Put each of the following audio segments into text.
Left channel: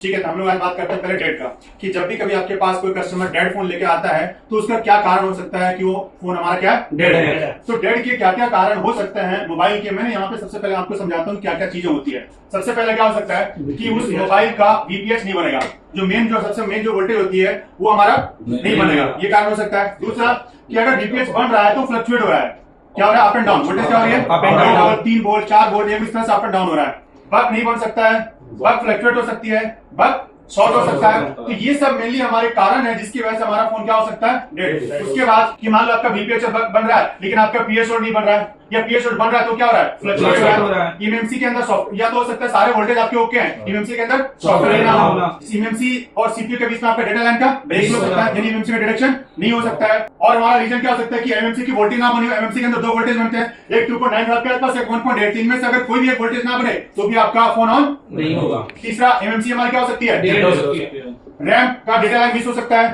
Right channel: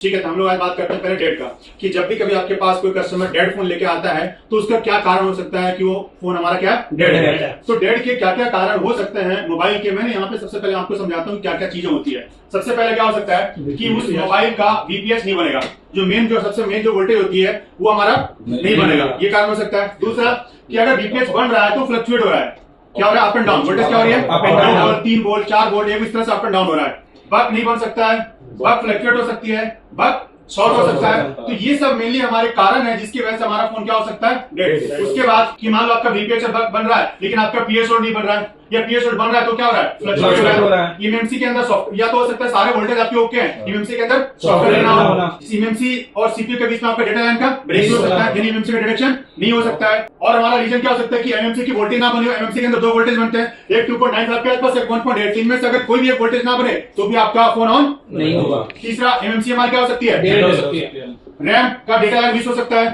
ठीक है, तो हम लोग आज बात करते हैं पहले डेड का, कि जब भी कभी आपके पास कोई कस्टमर डेड फोन लेके आता है तो उसका क्या कारण हो सकता है कि वो फोन हमारा क्या डेड है। तो डेड के क्या क्या कारण हो सकते हैं मोबाइल के, मैंने यहाँ पे सबसे पहले आपको समझाता हूँ क्या क्या चीजें होती है। सबसे पहले क्या हो सकता है कि उस मोबाइल का वीपीएस नहीं बनेगा, जो सबसे मेन जो वोल्टेज होती है वो हमारा नहीं बनेगा, ये कारण हो सकता है। दूसरा कि अगर वीपीएस बन रहा है तो फ्लक्चुएट हो रहा है, क्या हो रहा है, अप एंड डाउन, वोल्टेज क्या हो रही है, up and down, 3 volt 4 volt इस तरह से अप एंड डाउन हो रहा है। बग नहीं बन सकता है, बग फ्लक्चुएट हो सकती है, बग शॉर्ट हो सकता है। तो ये सब मेनली हमारे कारण है जिसकी वजह से हमारा फोन क्या हो सकता है डेड। उसके बाद कि मान लो आपका वीपीएस बन रहा है लेकिन आपका पीएस नहीं बन रहा है, या पीएस बन रहा है तो क्या हो रहा है, फ्लक्चुएट हो रहा है। एमएमसी के अंदर सॉफ्ट या तो हो सकता है सारे वोल्टेज आपके ओके हैं, एमएमसी के अंदर सॉफ्टवेयर ना हो, एमएमसी और सीपीयू के बीच में आपका डेटा लाइन का ब्रेक हो सकता है, यानी एमएमसी का डिटेक्शन नहीं हो सकता है। और हमारा रीजन क्या हो सकता है कि एमएमसी की वोल्टेज ना बनी हो। एमएमसी के अंदर दो वोल्टेज बनते हैं, एक 2.9 के आसपास, एक 1.8। इनमें से अगर कोई भी एक वोल्टेज ना बने तो भी आपका फोन ऑन नहीं होगा। तीसरा, एमएमसी हमारी क्या हो सकती है, डेड हो सकती है। रैम का डेटा लाइन मिस हो सकता है,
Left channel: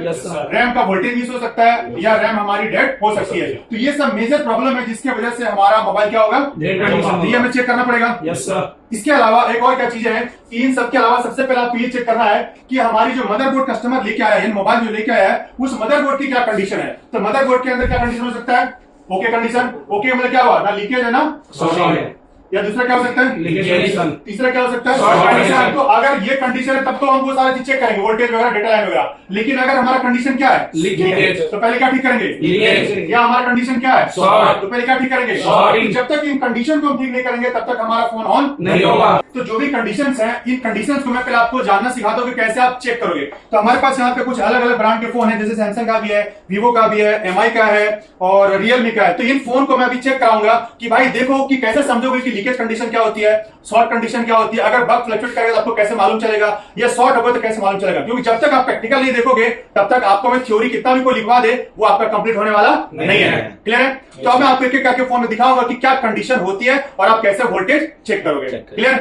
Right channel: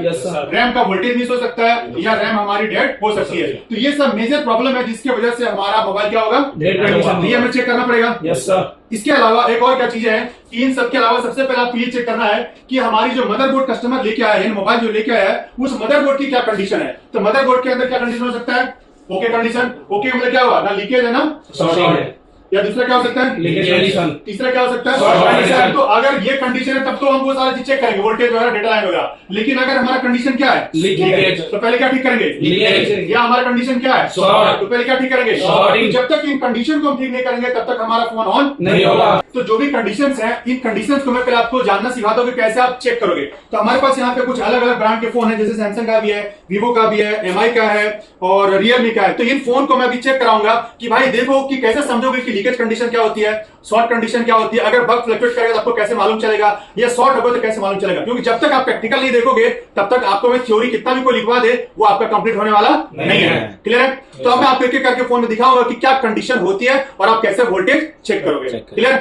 रैम का वोल्टेज मिस हो सकता है, या रैम हमारी डेड हो सकती है। तो ये सब मेजर प्रॉब्लम है जिसकी वजह से हमारा मोबाइल क्या होगा, ये हमें चेक करना पड़ेगा। इसके अलावा एक और क्या चीजें हैं कि इन सब के अलावा सबसे पहले आपको ये चेक करना है कि हमारी जो मदरबोर्ड कस्टमर लेके आया है, मोबाइल जो लेके आया है, उस मदरबोर्ड की क्या कंडीशन है। तो मदरबोर्ड के अंदर क्या कंडीशन हो सकता है, ओके कंडीशन, ओके मतलब क्या हुआ, ना लीकेज है ना शॉर्ट है। या दूसरा क्या हो सकता है, तीसरा क्या हो सकता है। तो अगर ये कंडीशन है तब तो हम वो सारे चीज चेक करेंगे, वोल्टेज वगैरह, डेटा लाइन वगैरह। लेकिन अगर हमारा कंडीशन क्या है, लीकेज, तो पहले क्या ठीक करेंगे, या हमारा कंडीशन क्या है, शॉर्ट, तो पहले क्या ठीक करेंगे। तो जब तक इन कंडीशन को हम ठीक नहीं करेंगे तब तक हमारा फोन ऑन नहीं होगा। तो जो भी कंडीशंस है, इन कंडीशंस को मैं पहले आपको जानना सिखा दूं कि कैसे आप चेक करोगे। तो हमारे पास यहाँ पे कुछ अलग अलग ब्रांड के फोन है, जैसे सैमसंग का भी है, वीवो का भी है, एमआई का है और रियलमी का है। तो इन फोन को मैं अभी चेक कराऊंगा कि भाई देखो कि कैसे समझोगे कि लीकेज कंडीशन क्या होती है, शॉर्ट कंडीशन क्या होती है, अगर बग फ्लक्चुएट करेगा तो आपको कैसे मालूम चलेगा, या शॉर्ट होगा तो कैसे मालूम चलेगा। क्योंकि जब तक आप प्रैक्टिकल नहीं देखोगे तब तक आपको मैं थ्योरी कितना भी कोई लिखवा दे वो आपका कंप्लीट होने वाला नहीं है। क्लियर है। तो अब मैं आपको एक एक करके फोन में दिखाऊंगा कि क्या कंडीशन होती है और आप कैसे वोल्टेज चेक करोगे। क्लियर।